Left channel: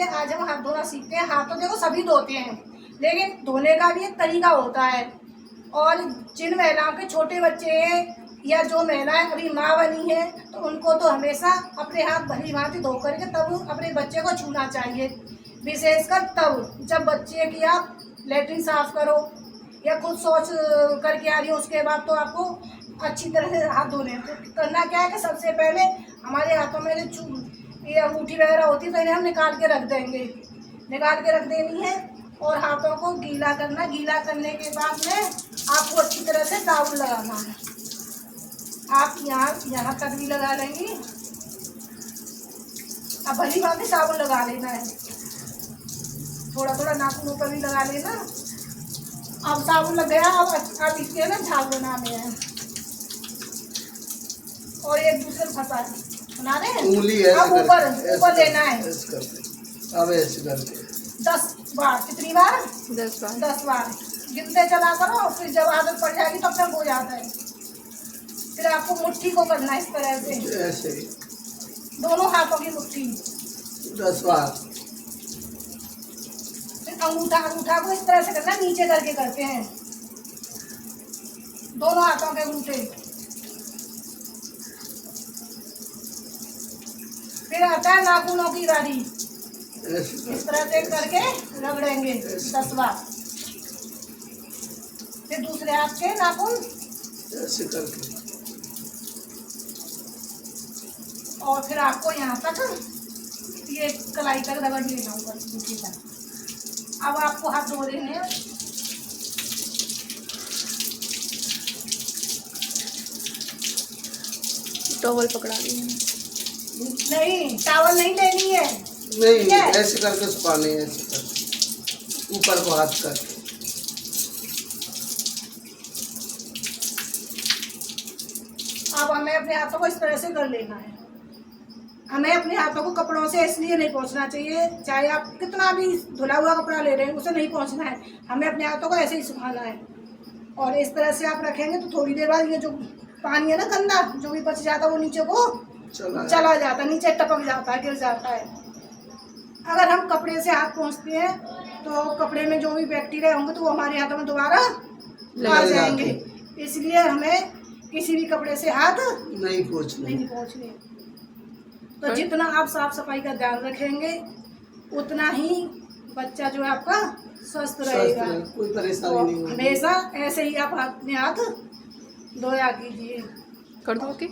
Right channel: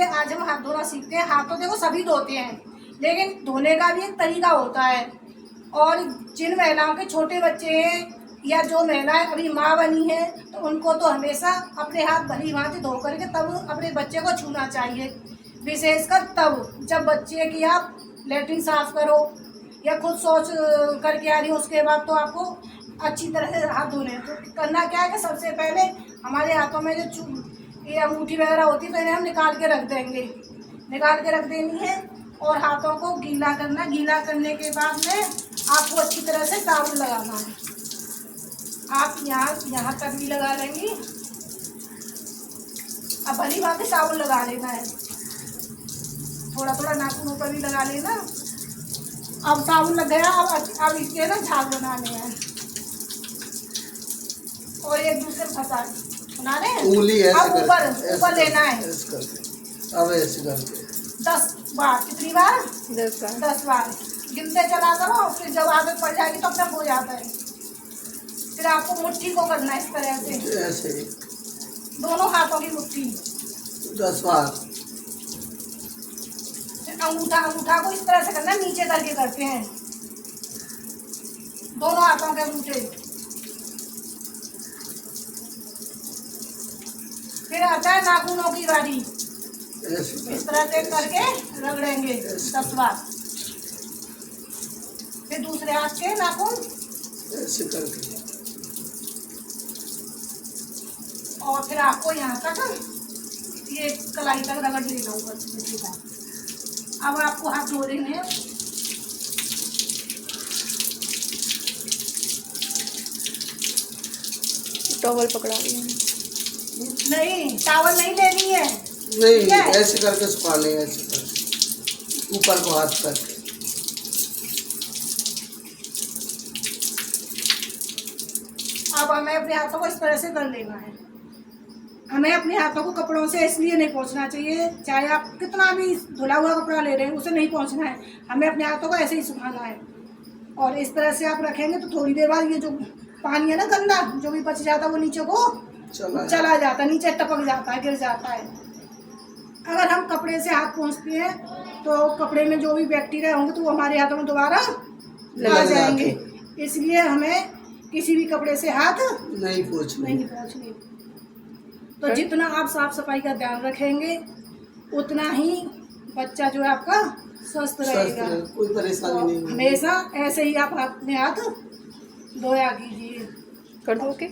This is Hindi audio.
देखिए आज हम हाथ धोना सीखते हैं। हाथ तो देखो सभी धोते हैं, लेकिन धोने का भी एक तरीका होता है। और जिन महिलाओं के छोटे बच्चे हैं या जो महिलाएं अभी माँ बनी है, तो उनको तो हमेशा अपने हाथ भली भांति धो करके तब अपने बच्चे को छूना चाहिए। विशेषकर तब जब बच्चे की आप लेटरिन साफ करो या खुद शौच करके आ रही हो, उसके बाद तो आपको अच्छी तरह से हाथ धोने हैं। तो करना क्या है कि सबसे पहले हमारे हाथों में जो ये अंगूठी वगैरह होती है, तो इन्हें हम निकाल के रख देंगे, निकाल के रख देनी है। और हाथों को गीला करना, गीला करने के बाद में आपको अच्छी तरह से साबुन लगाना है। आप यहाँ तक भी लगा लेंगी। अब भली बात साबुन लगा लेना है, थोड़ा थोड़ा नाखूनों पर भी लगा लेना। अब साबुन लग गया, अब इसके ना झाग बनाने हैं और एक दूसरे को फंसा बना रहे हैं। उंगली ऐसे ऊपर ऊपर लेना है, ऐसे करके। अब ऐसे करके 10 बार। कितनी बार? 10 बार गिनते चला करो। फिर जब आदत पड़ जाएगी तो अपने हो जाता है। फिर आपको मुट्ठी को करना है इस तरह से, ऐसे दोनों हाथों की मुट्ठी 10 बार। फिर अंगूठा को इस तरह से करना, नीचे करके करते हैं दोनों हाथों के अंगूठे। फिर आता है नाखूनों की बारी, इस तरह से करके रगड़ेंगे 10 बार। फिर दूसरे हाथ के नाखून ऐसे करके, और फिर आपको यहाँ तक ये कलाई तक रगड़ लेना ऊपर सीधा। अब आपको हाथ धो देने हैं। टॉवल पकड़ा ली है। नहीं, टावल नहीं लेनी है, नहीं ऐसे करके सुखाने, ऐसे करके ऊपर को हाथ करके। अब हमें अपने हाथों को इस तरह से कर लेना है। हमें अपने हाथों को कपड़ों से इसलिए नहीं पोंछना चाहिए, चाहे आप कितना भी धुला हुआ कपड़ा ले रहे हैं उसे नहीं पोंछना है। हमें अपने हाथों को ऐसे ही सुखाना है। और इस तरह से आप रखेंगे तो थोड़ी देर बाद ये जो पानी है ना गंदा जो भी बच जाता है वो नीचे को चला जाता है, नीचे टपक जाता है, गिर जाता है। अगर हम कपड़े से हाथ पोंछते हैं तो कपड़े में जो भी बैक्टीरिया होंगे तो वो हमारे हाथों में दोबारा आ जाएंगे। इसलिए हमें किसी भी कपड़े से हाथ नहीं पोंछने। तो जितना आप साफ सफाई का ध्यान रखेंगे उतना ही बच्चा जो है आपका स्वस्थ रहेगा, कोई परेशानी नहीं होगी। हमेशा ऐसे ही आप अपने हाथ धोया कीजिए। कर दो। ओके।